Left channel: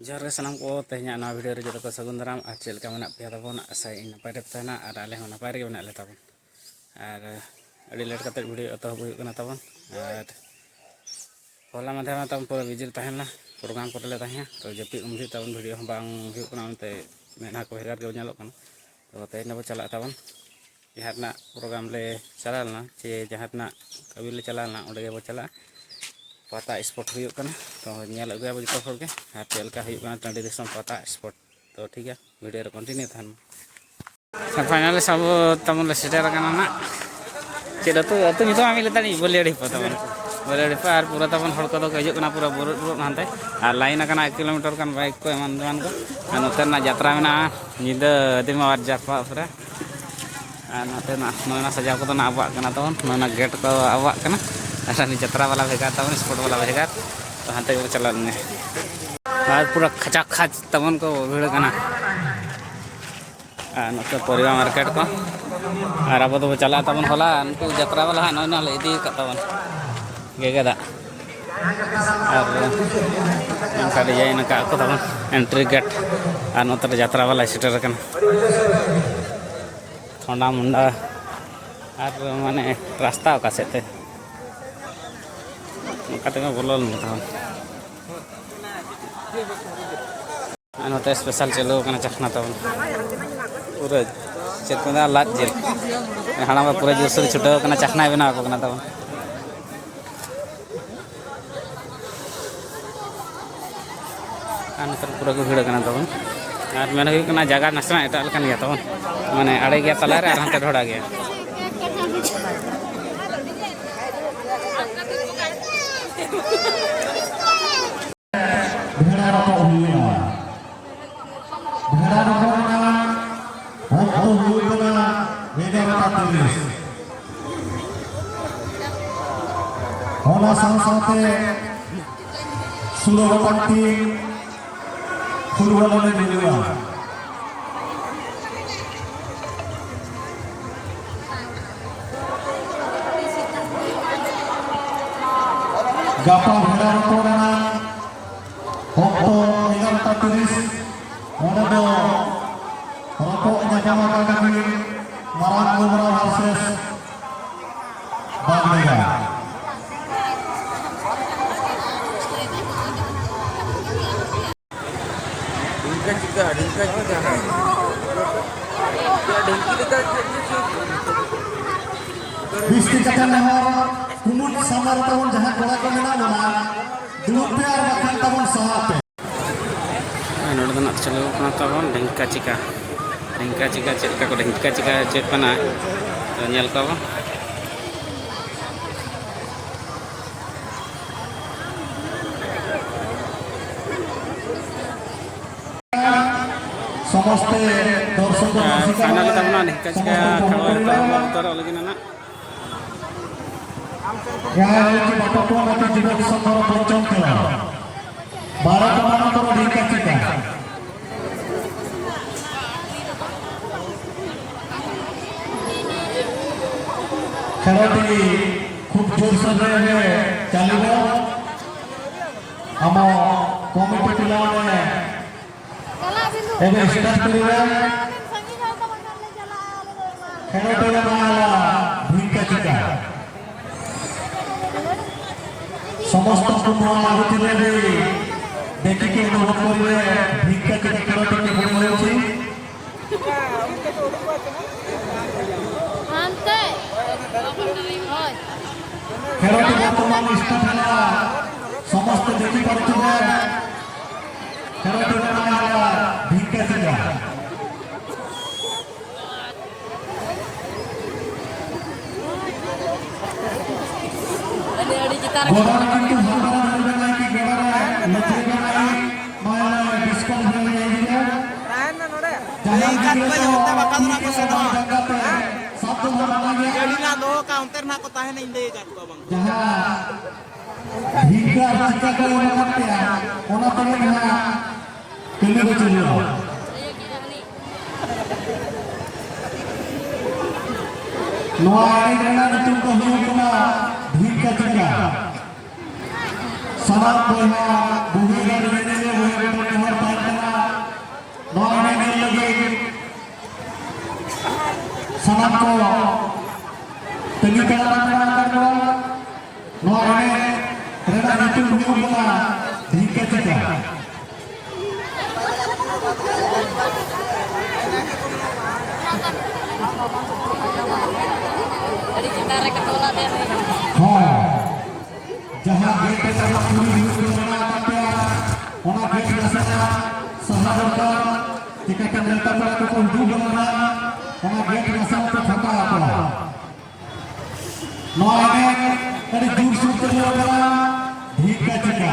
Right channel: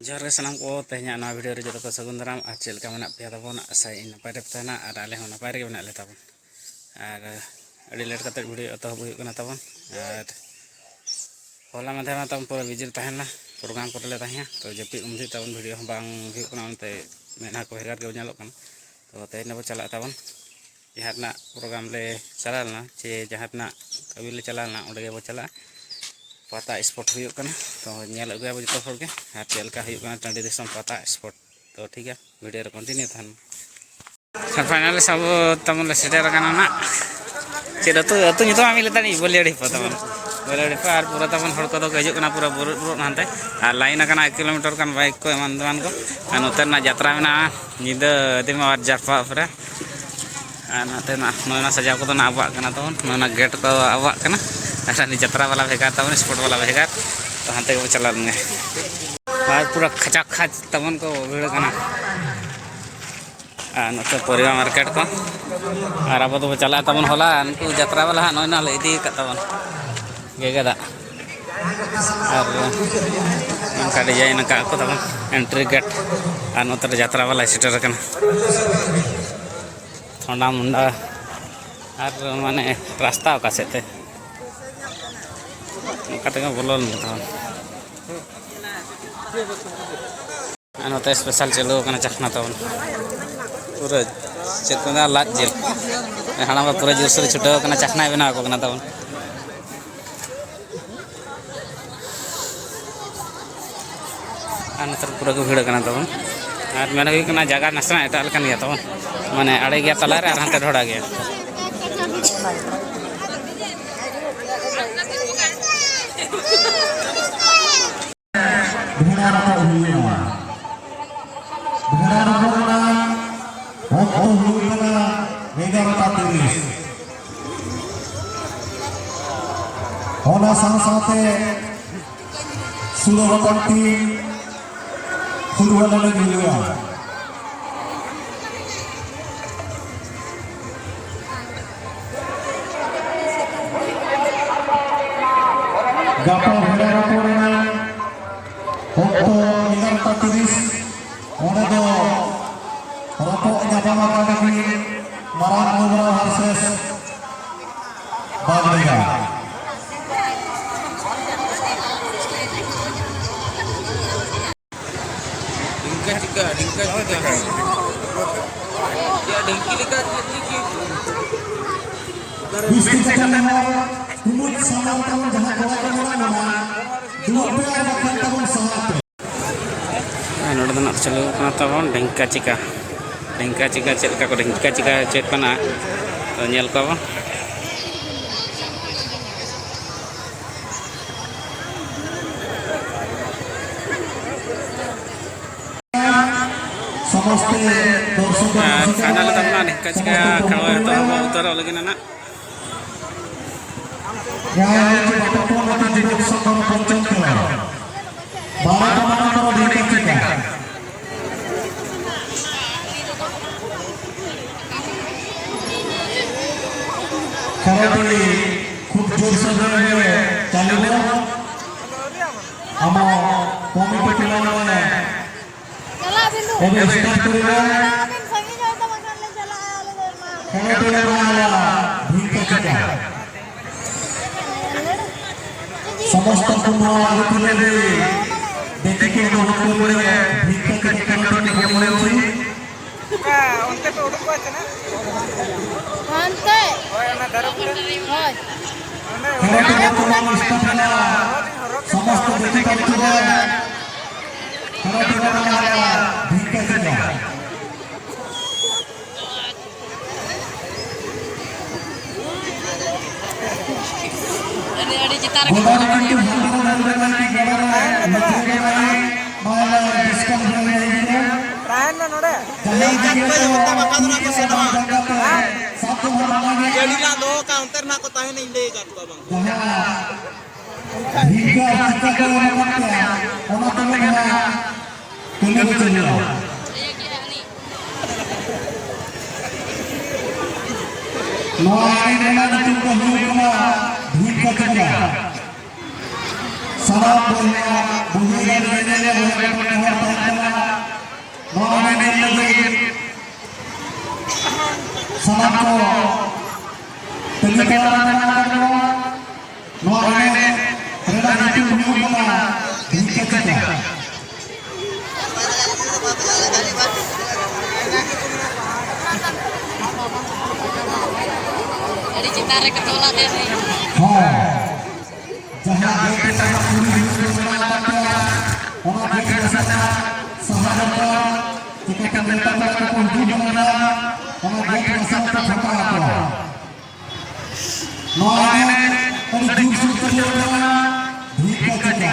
जोहार गे सानाम को तेहना ना वीडियो रे जो को सगुन दाराम और चेल का मेना पे ताबन आशा इन नपाय रे तहना और आले हो नपाय रे मेना ले ताबन और अड़ी लेट कते वीडियो एतहब हुई कना ताबन और होला माधे मा ताबन पूरा बिजी तहना प्रोग्राम को ले तहया तो जपी उमदी ताबन वीडियो बांग हुई कना उनते मेना को हेगार के नेलो कना तो तेहना बो चला ताबन जहाना प्रोग्राम ले चलालना चे जहाना कवि ले चलालना ओंडे गे बो चला पता स्पॉट हुई कना तो नेल अगुया बो जतो होगे और चेलका हुई कना टांडी दिसम पता स्पॉट तो ठीक है वीडियो रे कंटिन्यू थान फाइनली सब तमन ले सेटर कना ना चेद तो अतु नितो आमी लेतानी बोलेड़ी पतमन बोलेड़ी पर पूरा तमन हड़ को हजू कना पूरा बुर हानते और लाइन कना 1 किलोमीटर कान बाइक को एमान को और नोते ना यात्रा में निदा दिमा और जारपा पर और नाते ना नोना सजाव को ना आबा कना तमन नोना गेट को आबा कना अरे यात्रा वाला भेगार तमन स्पॉट वाला भेगार तो हानते को चला लंगे और पूरा खचा खच तमन को भीड़ कना नोते परिवा मार्केट को और अब तो चला तमन होला उनको यात्रा वाला नोना ले इदी का तमन गेगदा और उनका डिजाइन का को तमन एंट्री गेट और नोते यात्रा वाला सेटर कना थोड़ा मुंडा और माने रास्ता का सेते कतगा बोलन तमन नोते स्पेशल चलो कना चखना तमन पूरा चेत को लाज जेल हाना पूरा जोर से छुटा कना चखना बना को कना तमन नतर पूरा को भीड़ कना तमन और मेन हुई कना जगह नासना एटा लकन गया तमन माने आड़े गया तला रे और हानते ढोड़ा गया Hola sama-sama seluruh parti Furuan Indonesia. Gapa hera raporan Okto hilang tatiris Onodo Rokok Najama Kadaki Marang Gubernur Harses Bandega Dingka jika ya dengki dekat Bisti Cakan Lehor Kumut samar tahun jahat bola ko menang dua biar bahkan tahun sahape नोड़ दना चलो कना तबन ढेंका चिका चेल का को ढेंका चिका check कना तो nail को समस्ते दर्शक फाइनल तबना ढेंका चिका खेलो तो अब उतर लगे ना युवक संघ पंचम खेल 12 मानकर ढेंका चिका खेलटी खूब जोर से चलिए आम कमिटी पिला एबे स्टार्ट करिवे खेलटी माला ढेंका चिका समस्त कुमार आगुतिले देखि के अनुरोध करिवे ढेंका चिका खेलटी खेल होछि उनके तो उड़को আছে না अंते खेलटी वर्तमान स्टार्ट ହେଲା समस्त देखि करथिले खेलटी माला ढेंका चिका गोदान कंटू भूतरा निर्णय की गड़रा मध्य के माला डिस्कल हो रही है राहन नोडे जहां के तो बकादना को सेवा सब तो बना गया जेडीला दो काउंटर ना को ताहे नहीं लेगा तू बंग जहां भिगा चिका को मत ओना तमे ना तुले को चलियो नोई नेना तुम को हुकना भिगा चिका सारा बोलना बुझे गए Dari cinta reka tolak deh. जहाँ गेट पर पूरी योजना वहाँ गेट रसना सहायता टिकट मिलता है तो कोई दूर बना वहाँ गेट रसना तो छोटा आता है नौने कड़ी दूर से चले होगा भीख का चक्का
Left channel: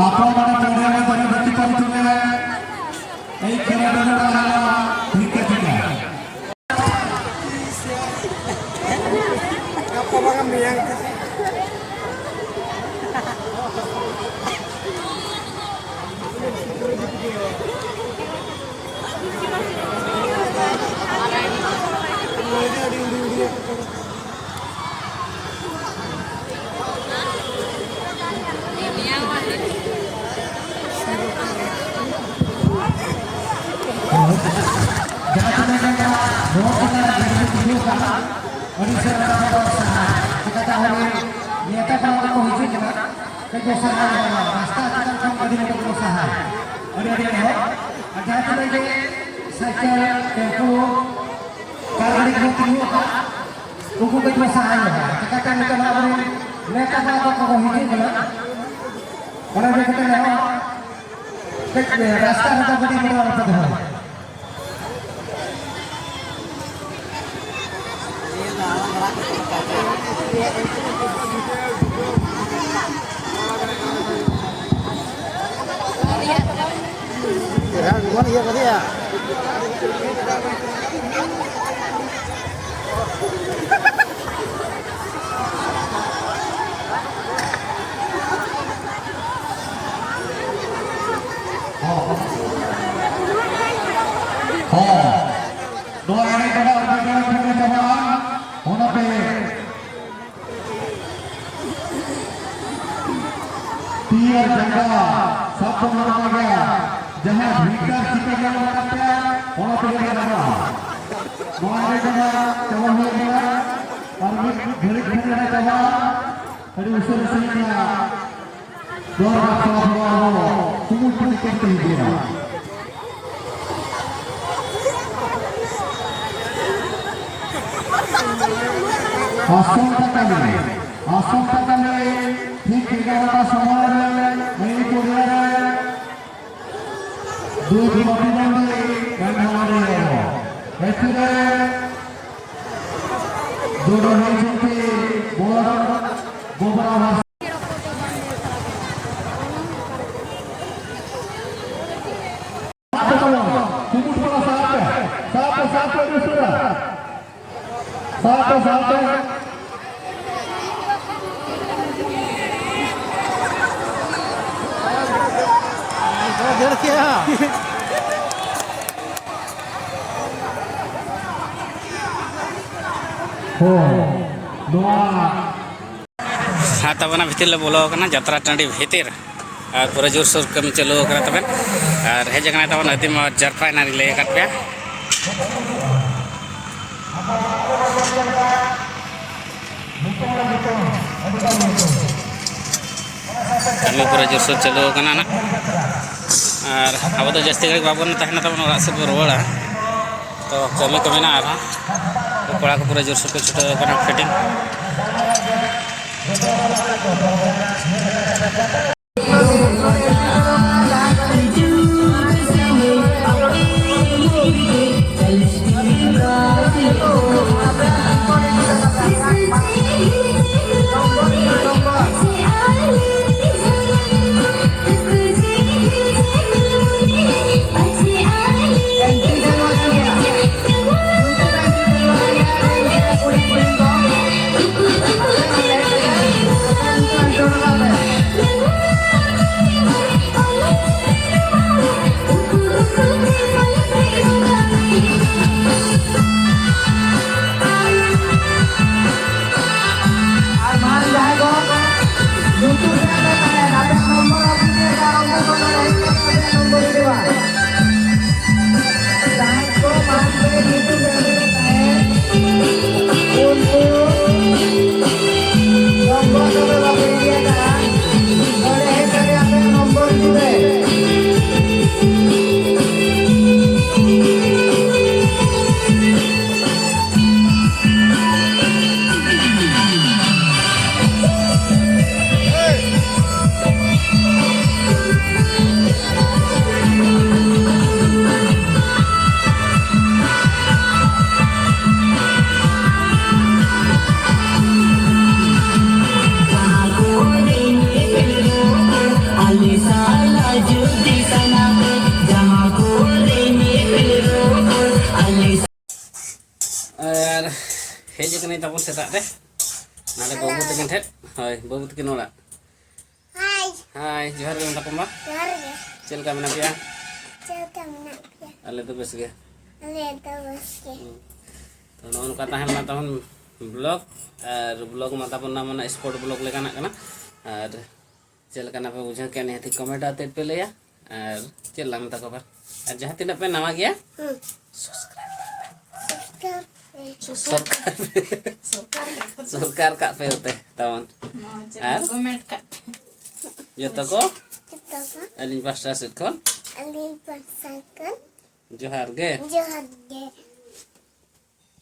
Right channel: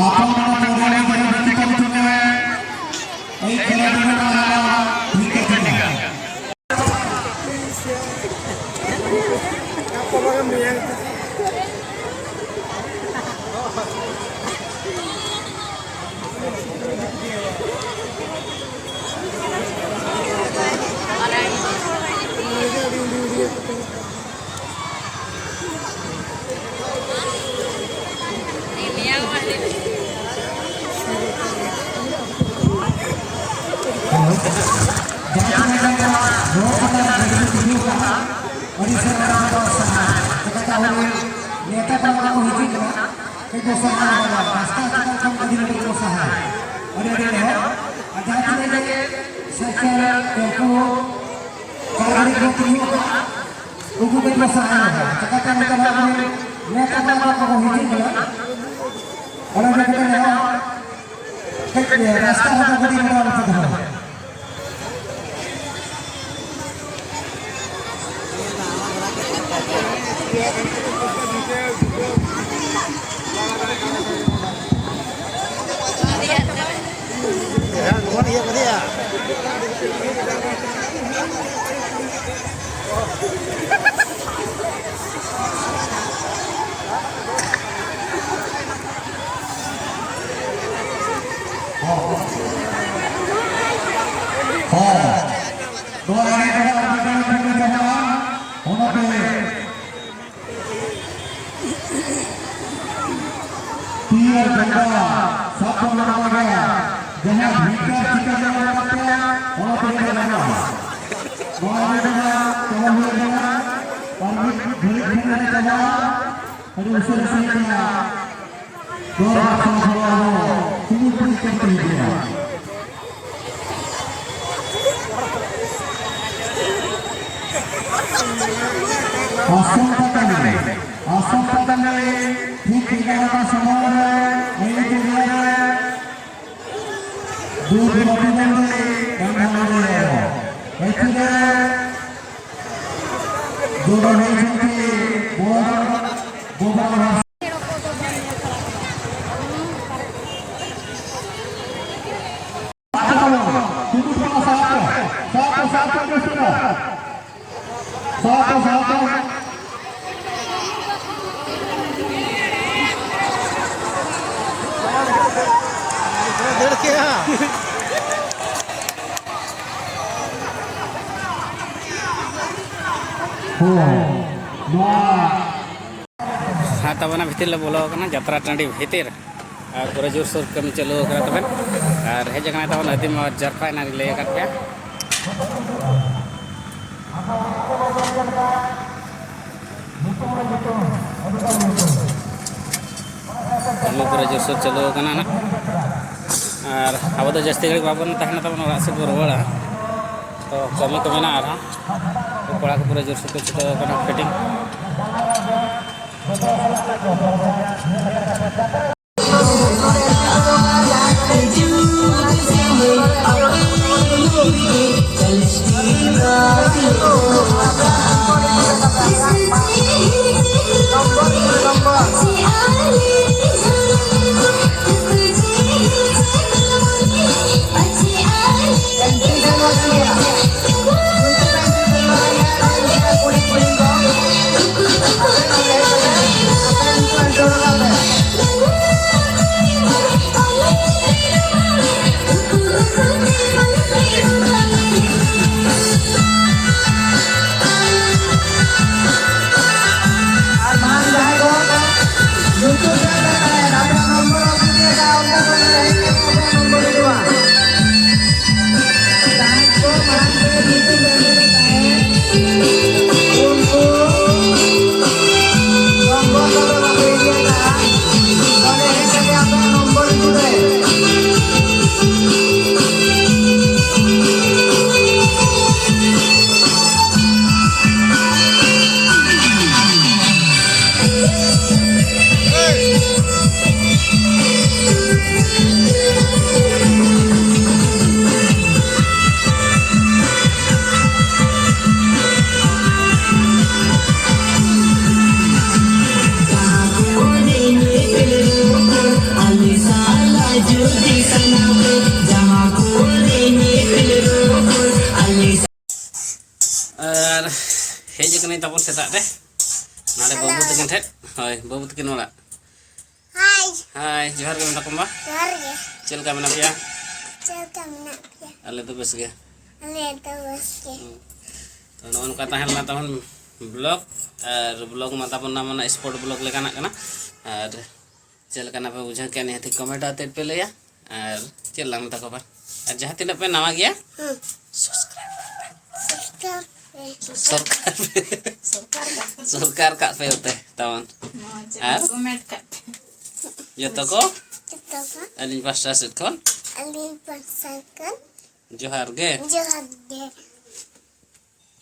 आपा mana कोने में जगह बची पड़ी तुम्हें एक जगह देना रहा भीख का चक्का रास्ता होता बड़ी बड़ा रास्ता है जहाँ भीतर चिकन जमा करते हैं वहाँ पे लगा वहाँ पे जगह कवर हुए जगह और घरे घूमने जगह और उसे रसीदा दो बार हुआ हो सुबह को करते ही दिया आसम पता नहीं ठीक ठिकाना का समय नहीं को गया दूध मटी बंदे बंधारे ऐसे जोड़ो नहीं सकते गोबर हाँ तब भितर बोलो जतरा टाँडी भितर और पूरा जोरसोर कमी चालू तब और हेजना तब नदीम जरफा लैक पे कमी पूरा जोरसोर चालू ना और अब तो जास्ती घड़ी बाबन तहना तब से को रुआड़ा तो कमी को मेना कड़ा को पूरा जोरसोर को छुटा फिटिंग और हेज कने तबन सेता रे नाले बाबू तकिन ठेट होय बाबू तकिन ओड़ा हाय हाय जोहार गे मेता कोमा जोहार गे चेल का मेना पिया चल का मेना पिया आले तो बेस गे अले तो बस के तो नोन का ताहन मा तबन ब्लॉग और ब्लॉग मा तबन ना मना स्पोर्ट ब्लॉग लेकाना कना और चेल का ना पे बुझा के ने हती कमेंट आते पे लेया और चेल ला मता को और जहां तिना पे नवा गया सब्सक्राइब सरकार का पे होते तवन और कमेंट कर जतो को कितना अली पास्टा से कोन अली परसकन जोहार गे जोहार